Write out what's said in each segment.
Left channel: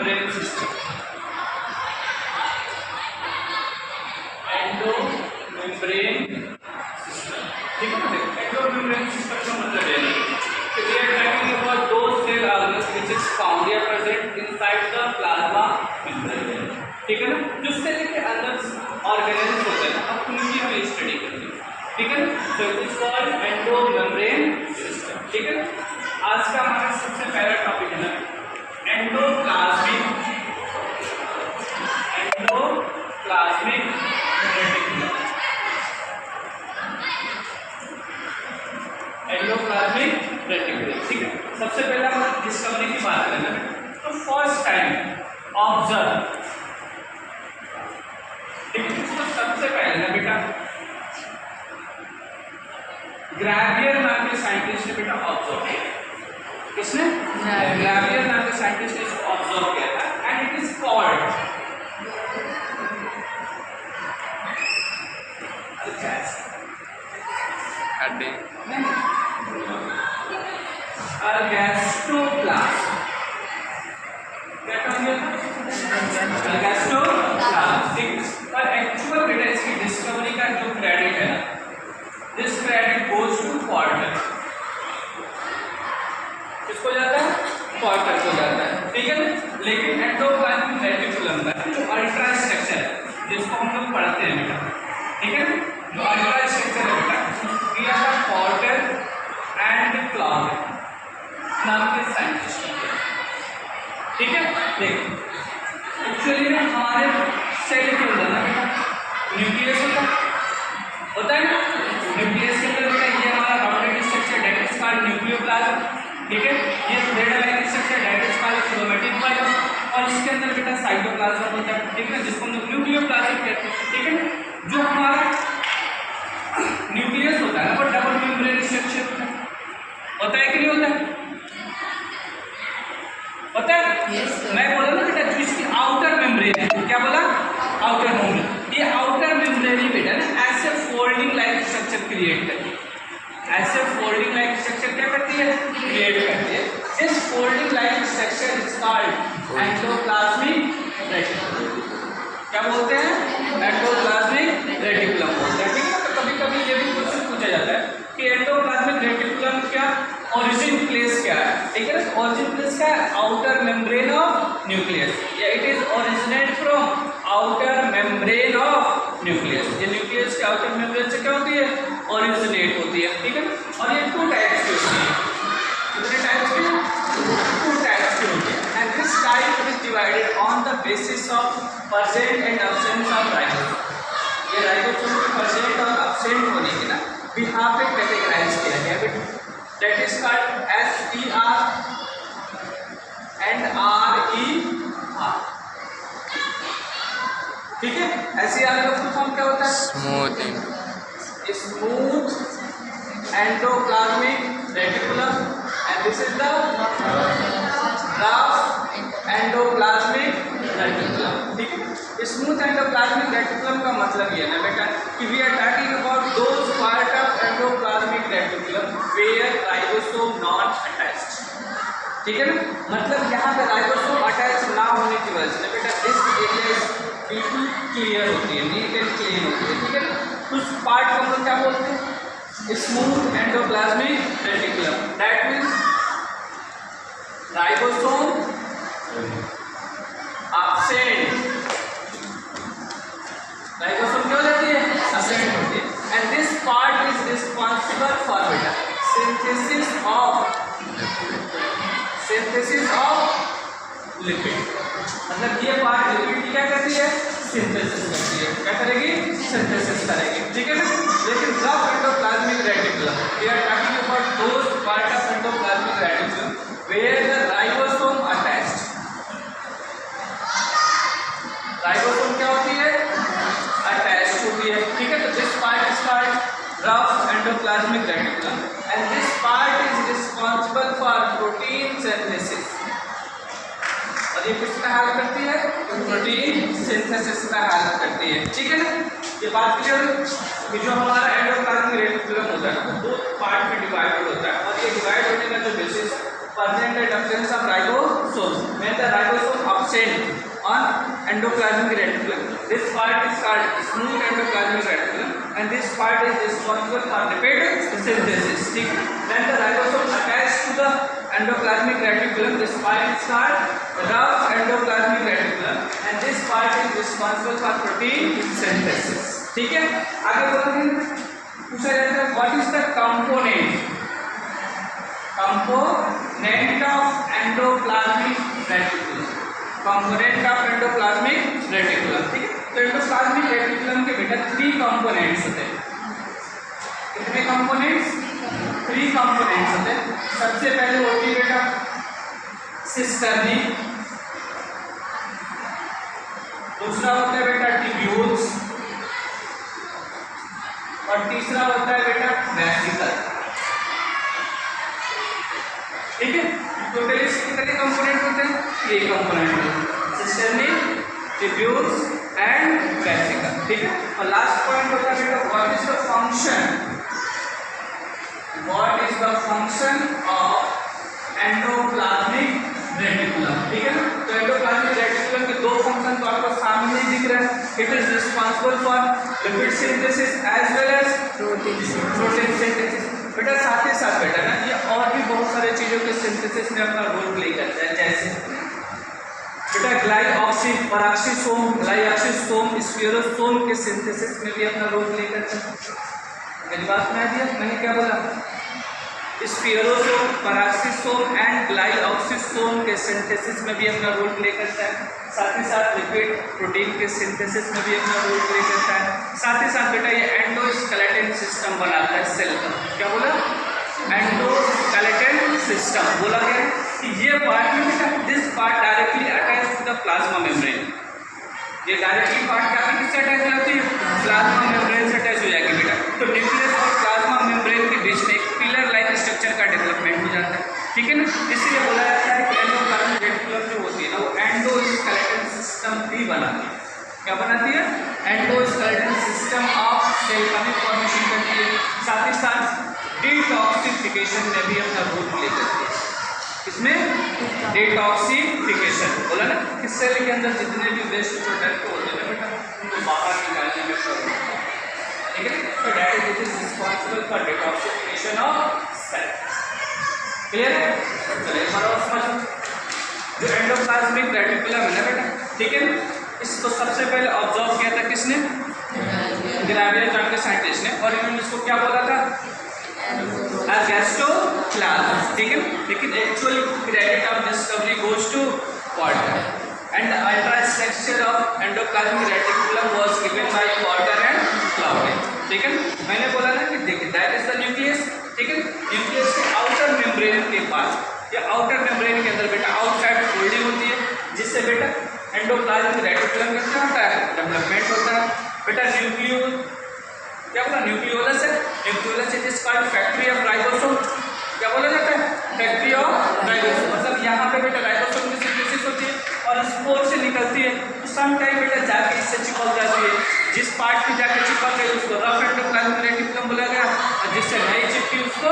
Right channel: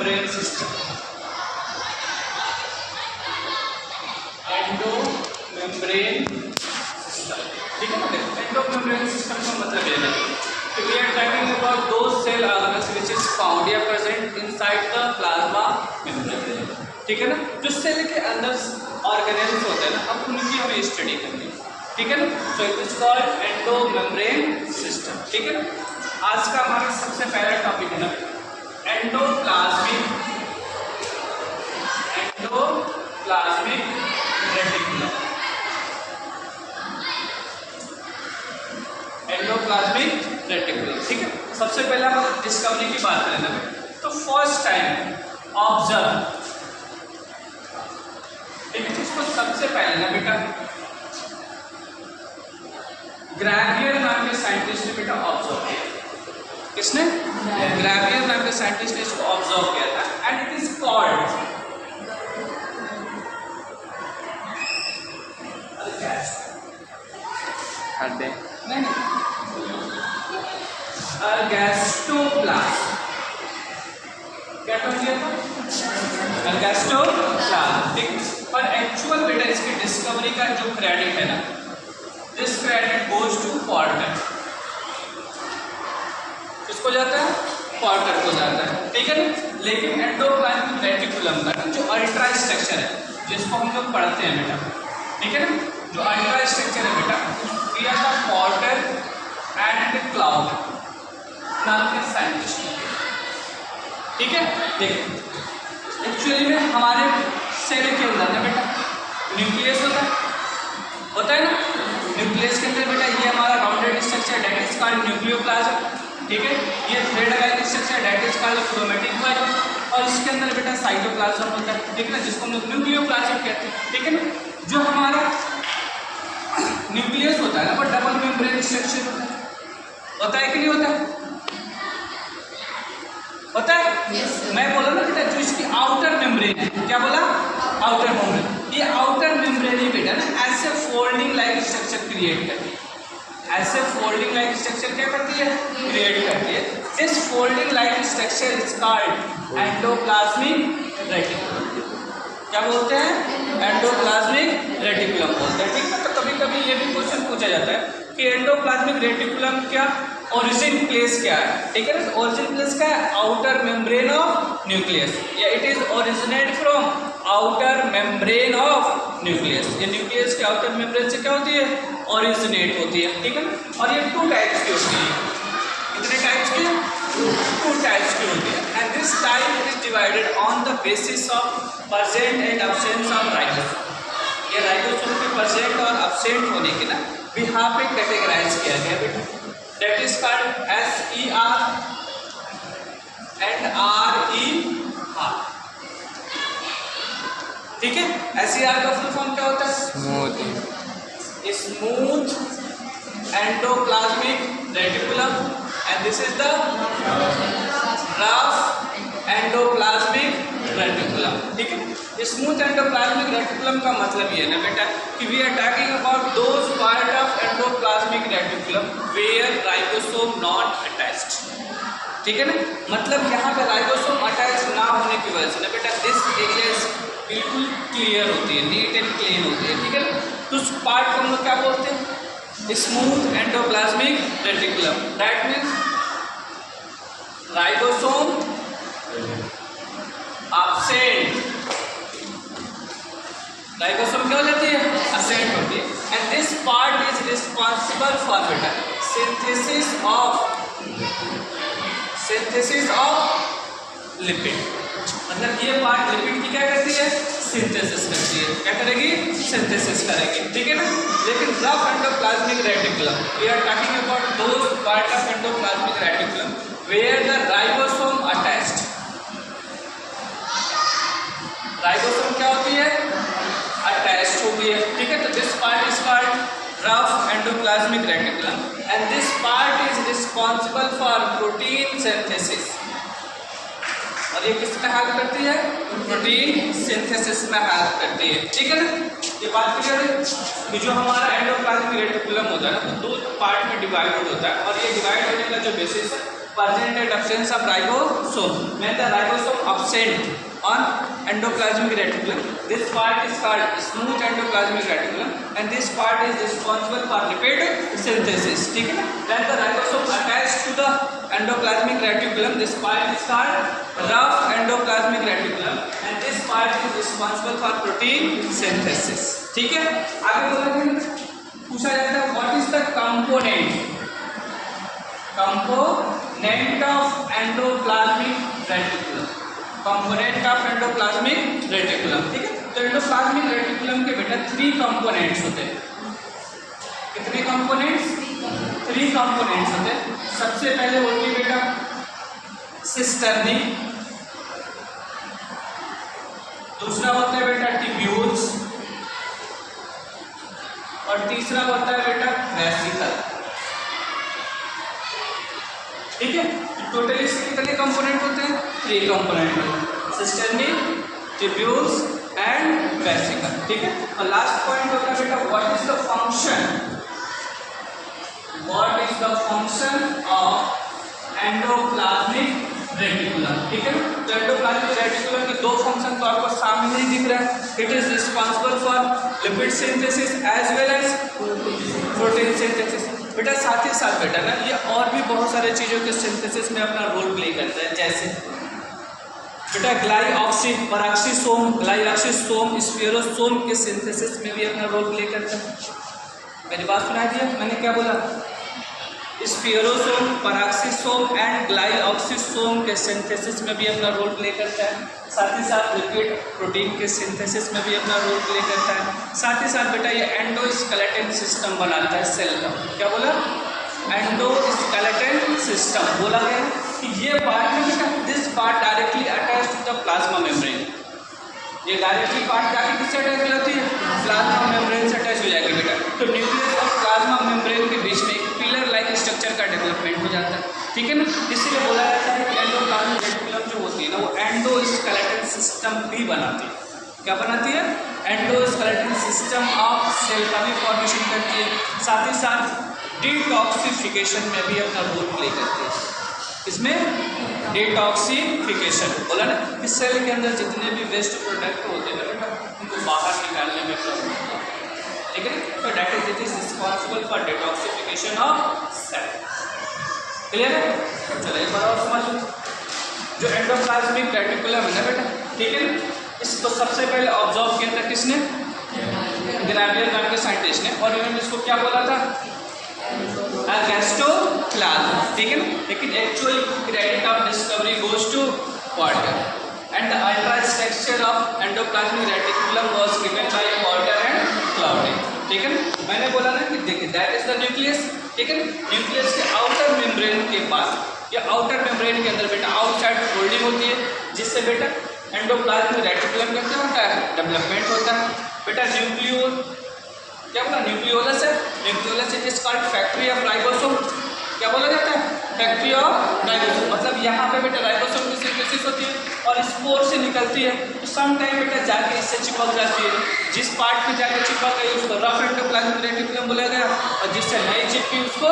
Membrane system, endo membrane system, ठीक है ना। एंडो मेम्ब्रेन सिस्टम का मतलब ये है कि we are talking about those cell organs which is found या present inside the plasma membrane, ठीक है ना। जो सेल के अंदर ऑर्गेनेल्स होते हैं ना, अब उनकी हमें स्टडी करनी है, ठीक है ना। So it is called endo membrane system, ठीक है। आज का हमारा सबसे पहला टॉपिक है ना एंडोप्लाज्मिक रेटिकुलम। एंडोप्लाज्मिक रेटिकुलम, ठीक है। सबसे पहले हम डिस्कवरी की बात करें ना, तो फर्स्ट टाइम ऑब्जर्व, ठीक है। इसको सबसे पहले ना बेटा ग्रेवियर नाम के साइंटिस्ट ने बेटा ऑब्जर्व किया। किसने? ग्रेवियर नाम के साइंटिस्ट ने इसको ऑब्जर्व किया था एंड इट इज कॉल्ड अल्गैस्टोप्लास्ट। क्या टर्म दिया था? अल्गैस्टोप्लास्ट, ठीक। और एक्चुअल बेटा इसकी डिस्कवरी का जो क्रेडिट है ना, this credit goes to Porter. किसको जाता है? पॉर्टर को जाता है, ठीक है ना। लेकिन एंडोप्लाज्मिक रेटिकुलम का जो अल्ट्रा स्ट्रक्चर है, जिसको हम लोग पढ़ते हैं बेटा, ठीक है ना, जो अल्ट्रा स्ट्रक्चर है बेटा, दिया था पॉर्टर एंड क्लाउड नाम के साइंटिस्ट ने, ठीक है। देखो एक्चुअली में हमारे सेल के अंदर ना बेटा न्यूक्लियस होता है ना। न्यूक्लियस के अंदर बेटा ये हमारा rounded structure that is called nucleoplasm, ठीक है। ये thread like structure that is called chromatin plasm, और इसके अंदर बेटा साइटोप्लाज्म होता है, ठीक है ना, जिसको हम लोग न्यूक्लियोप्लाज्म कहते हैं, ठीक है ना। जो हमारा न्यूक्लियस होता है ना, वो डबल मेम्ब्रेन स्ट्रक्चर होता है कि नहीं होता है? होता है? yes, मैं बोला ना बेटा जो इसकी आउटर मेम्ब्रेन है, क्या बोला? Outer membrane. ये आउटर मेम्ब्रेन ही बेटा ना ऐसे फोल्डिंग लाइक स्ट्रक्चर क्रिएट करती है। ऐसे फोल्डिंग लाइक स्ट्रक्चर क्या करती है? क्रिएट करती है। This folding like structure is called endoplasmic reticulum. क्या बोलते हैं? एंडोप्लाज्मिक रेटिकुलम बोलते हैं, ठीक है। तो कभी कभी ये भी क्वेश्चन पूछा जाता है कि एंडोप्लाज्मिक रेटिकुलम क्या ओरिजिन प्लेस क्या है, ठीक है ना। ओरिजिन प्लेस क्या है? आउटर मेम्ब्रेन ऑफ न्यूक्लियस, या it is originate from outer membrane of nucleus. ये न्यूक्लियस के आउटर मेम्ब्रेन से क्या होती है? ओरिजिनेट होती है, ठीक है ना। और ये टू टाइप्स की होती है। कितने टाइप्स की? टू टाइप्स की होती है। And this type is divided on the basis of present and absence of ribosome. ये राइबोसोम के प्रेजेंट और अब्सेंट होने के ना बिहाफ पे कैटेगराइज किया गया बेटा, that is called SER and RER, ठीक है। SER का फुल फॉर्म क्या होता है? Smooth endoplasmic reticulum, and this is the rough endoplasmic reticulum, ठीक है। स्मूथ एंडोप्लाज्मिक रेटिकुलम का मतलब ये है ना बेटा कि we are talking about those part of endoplasmic reticulum where ribosome not attached, ठीक है ना। मतलब यहाँ पे राइबोसोम अटैच ना होने की वजह से ना बेटा दिस एरिया इज बिल्कुल क्लियर होती है, नीट एंड क्लीन होती है, ठीक है ना। तो उस पार्ट को हम लोग क्या बोलते हैं? Smooth endoplasmic reticulum. That means ribosome absent, ribosome क्या हो जाती है? absent होती है। And this part is responsible for बेटा सिंथेसिस ऑफ लिपिड। मतलब ये पार्ट लिपिड की क्या करती है? सिंथेसिस करती है। क्या करेगी? सिंथेसिस करेगी, ठीक है ना। लेकिन rough endoplasmic reticulum, we are talking about those part of endoplasmic reticulum where the ribosome attached. Ribosome क्या होती है? अटैच्ड होती है, ठीक है। तो this part is called rough endoplasmic reticulum and this part is responsible for protein synthesis. और ये किस में हेल्प करती है? प्रोटीन सिंथेसिस में हेल्प करती है, ठीक है ना। ये बात क्लियर है? ये जो हमारा एंडोप्लाज्मिक रेटिकुलम होता है ना, दो पार्ट में डिवाइडेड होता है, और ये डिवाइड होने का जो बेसिस है present and absence of ribosome. When the ribosome cent on endoplasmic reticulum. This part is called smooth endoplasmic reticulum, and this part is responsible for lipid synthesis. ठीक है? When the ribosome attached to the endoplasmic reticulum, this part is called rough endoplasmic reticulum, and this part is responsible for protein synthesis. ठीक है? आगे बोलेंगे, पूछा जाता है what is the component of endoplasmic reticulum. Component of endoplasmic reticulum. ठीक है? तो एंडोप्लाज्मिक रेटिकुलम के बेटा 3 कंपोनेंट्स होते हैं. कितने कंपोनेंट्स? 3 कंपोनेंट्स होते हैं. सबसे पहले होती है बेटा सिस्टर्नी, दूसरा होता है बेटा ट्यूब्यूल्स, और तीसरा होता है बेटा वेसिकल. ठीक है? टोटल इसके कितने कंपोनेंट होते हैं? ये कंपोनेंट होते हैं, सिस्टर्नी, ट्यूब्यूल्स एंड वेसिकल. ठीक है? और लास्ट पॉइंट होता है बेटा what is the function of endoplasmic reticulum. ठीक है ना? तो एंडोप्लाज्मिक रेटिकुलम के 2 फंक्शन तो आपको सामने ही दिख रहा है. It is responsible for lipid synthesis as well as protein synthesis. बेटा साथ ही साथ बेटा ना ये और भी बहुत सारे चीज़ों के सिंथेसिस में अपना रोल प्ले करता है. जैसे बेटा ग्लाइऑक्सीसोम, स्फीयरोसोम के सिंथेसिस में भी अपना रोल प्ले करता है. मेरी बात सुना दिया मैंने क्या बोला? स्फीयरोसोम, पैराक्सीसोम एंड ग्लाइऑक्सीसोम के सिंथेसिस में भी अपना रोल प्ले करता है. साथ ही साथ लिपिड प्रोटीन के सिंथेसिस में भी अपना रोल प्ले करता है. साथ ही साथ बेटा ये एंडोस्केलेटन सिस्टम बनाता है सेल का. क्या बोला? एंडोस्केलेटन सिस्टम बोला गया कि ये पार्ट में बेटा this part directly attach to the plasma membrane. ये डायरेक्टली पार्ट क्या किससे अटैच हो जाती है? प्लाज्मा मेम्ब्रेन से अटैच हो जाएगी बेटा. तो न्यूक्लियस और प्लाज्मा मेम्ब्रेन के बीच में एक पिलर लाइक स्ट्रक्चर का डेवलपमेंट हो जाता है. ठीक है ना? इसलिए बोला जाता है कि एंडोप्लाज्मिक रेटिकुलम जो होती है ना वो एंडोस्केलेटन सिस्टम भी बनाती है. क्या बनाती है? एंडोस्केलेटन सिस्टम ऑफ सेल का भी फॉर्मेशन करती है. साथ ही साथ डिटॉक्सिफिकेशन में भी अपना रोल प्ले करती है. इसमें डिटॉक्सिफिकेशन बोला ना कि सेल के अंदर जितने भी वेस्ट प्रोडक्ट होते हैं ना बेटा उनको बाहर निकालने में अपना रोल होता है. ठीक है? तो that is responsible for detoxification of cell. Clear है? चलो एक बार और समझो. जो एंडोप्लाज्मिक रेटिकुलम है ना बेटा, ठीक है, इसको सबसे पहले ऑब्जर्व किया था किसने? ग्रेवियर नाम के साइंटिस्ट ने. और इन्होंने इसको क्या बोला था? एगेस्टोप्लाज्म. ठीक है. लेकिन actual credit of discovery goes to Porter and the ultrastructure of endoplasmic reticulum was given by Porter and Claude. ठीक है. मैंने बोला ना कि देखिए दैट इज द न्यूक्लियस. ठीक है. न्यूक्लियस के आउटर मेम्ब्रेन के पास या आउटर मेम्ब्रेन के अंदर बेटा आउटसाइड फोल्डिंग होती है जिससे बेटा एंडोप्लाज्मिक रेटिकुलम का क्या होता है? डेवलपमेंट होता है. बेटा न्यूक्लियोल क्या बोला? न्यूक्लियोलस है. Nucleolus is called factory of ribosome. क्या बोला जाता है? Factory of ribosome. मतलब यहाँ पे बेटा राइबोसोम की सिंथेसिस होती है और स्पोर से निकलती है. तो सम टाइम बेटा जाके इससे चिपक जाती है. जिस पार्ट में जाके चिपक गई उसको रफ एंडोप्लाज्मिक रेटिकुलम बोला गया और जिससे नहीं चिपकी उसको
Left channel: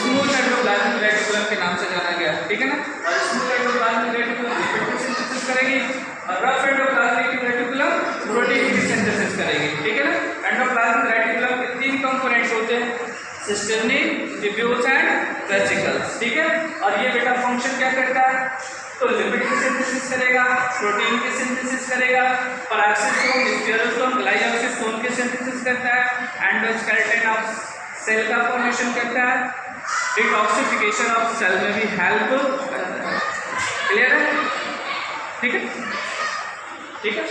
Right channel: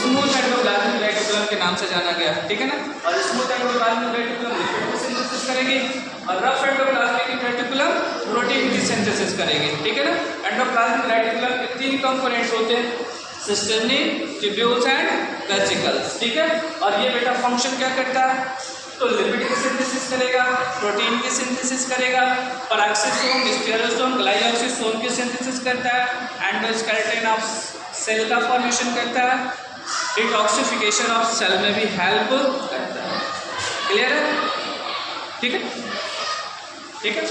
स्मूथ एंडोप्लाज्मिक रेटिकुलम के नाम से जाना गया. ठीक है ना? और स्मूथ एंडोप्लाज्मिक रेटिकुलम लिपिड की सिंथेसिस करेगी और रफ एंडोप्लाज्मिक रेटिकुलम प्रोटीन की सिंथेसिस करेगी. ठीक है ना? एंडोप्लाज्मिक रेटिकुलम के 3 कंपोनेंट्स होते हैं, सिस्टर्नी, ट्यूब्यूल्स एंड वेसिकल्स. ठीक है. और ये बेटा फंक्शन क्या करता है? तो लिपिड की सिंथेसिस करेगा, प्रोटीन की सिंथेसिस करेगा, पैराक्सीसोम, स्फीयरोसोम, ग्लाइऑक्सीसोम की सिंथेसिस करता है, एंडोस्केलेटन ऑफ सेल का फॉर्मेशन करता है, डिटॉक्सिफिकेशन ऑफ सेल में भी हेल्प करता है. क्लियर है? ठीक है. ठीक है.